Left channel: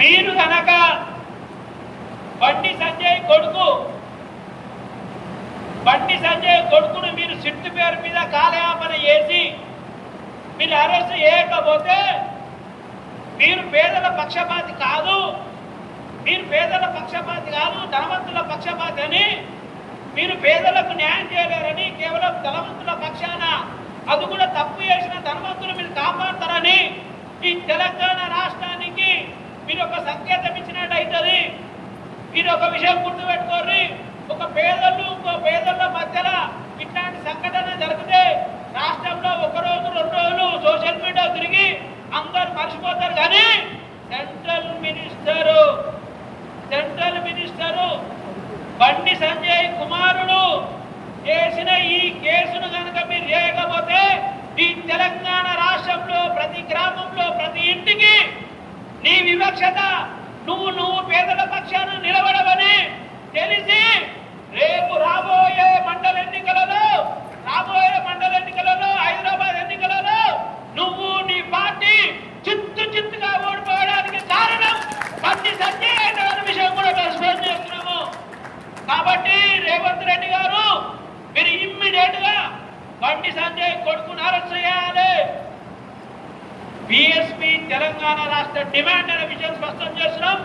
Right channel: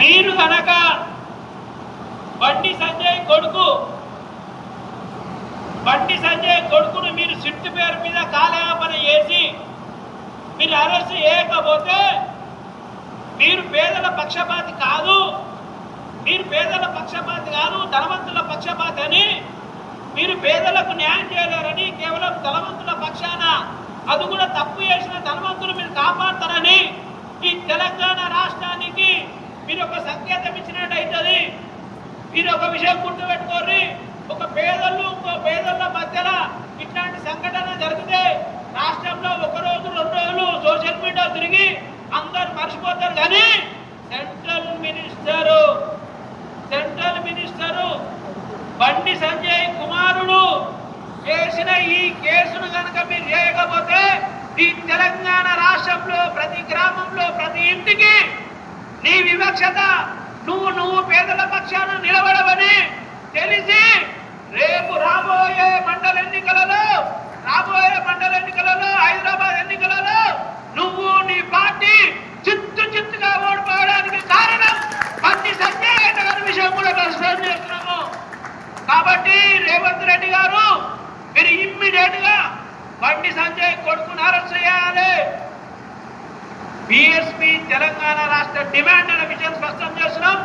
మీరు కనుక బండి సంజయ్ కొడుకును మీరు సిట్టు పేరు మీద కాలయాపన చేసి మీరు అరెస్ట్ చేయకపోతే మీరు పేదల పక్షపాతి కాదు, ధనవంతుల పక్షపాతి అని, మీరు పేదలకు న్యాయం చేయలేరని, కేవలం ధనవంతుల పక్షాన అది కూడా తప్పు చేసిన ధనవంతులు మీరు కాపాడతారని ఈ తెలంగాణ రాష్ట్రానికి మీరు ఒక సంకేతం ఇచ్చినట్టయితుంది. మీరు ఒక విషయం గుర్తుపెట్టుకోర్రి, ఒక పేదలు ఇంకో పేదల మధ్యలో ఇట్లాంటి సంఘటన జరిగితే రాష్ట్రంలో ఒక రోజు 2 రోజులు సోషల్ మీడియా తిరిగి అందరు మర్చిపోతారు. కానీ సెంట్రల్ మినిస్టరు బండి సంజయ్ కుమారుడు చేసిన ఈ కేసును కనుక మీరు చేయకపోతే ఈ తెలంగాణ రాష్ట్రంలో ప్రతి గ్రామంలో ప్రతి ఇంటికి నీ వివక్షత, నువ్వు పేదల పక్షాన నిలబడవని తెలిసి రేపు రాబోయే మండల ఎన్నికలలో హైదరాబాద్ ఎన్నికలలో నువ్వు నీ పార్టీ చిత్తుగా ఓడిపోవడానికి కారణం బండి సంజయ్ గారి విషయం కూడా ఎక్స్ప్లెయిన్ చేస్తున్నాము. కాబట్టి రేవంత్ రెడ్డి గారు మీరు ఇమ్మీడియట్ గా బండి సంజయ్ కొడుకును అరెస్ట్ చేయాలి. బీఎస్పీ తెలంగాణ రాష్ట్ర డిమాండ్ అనే విషయం స్పష్టం చేస్తున్నాం.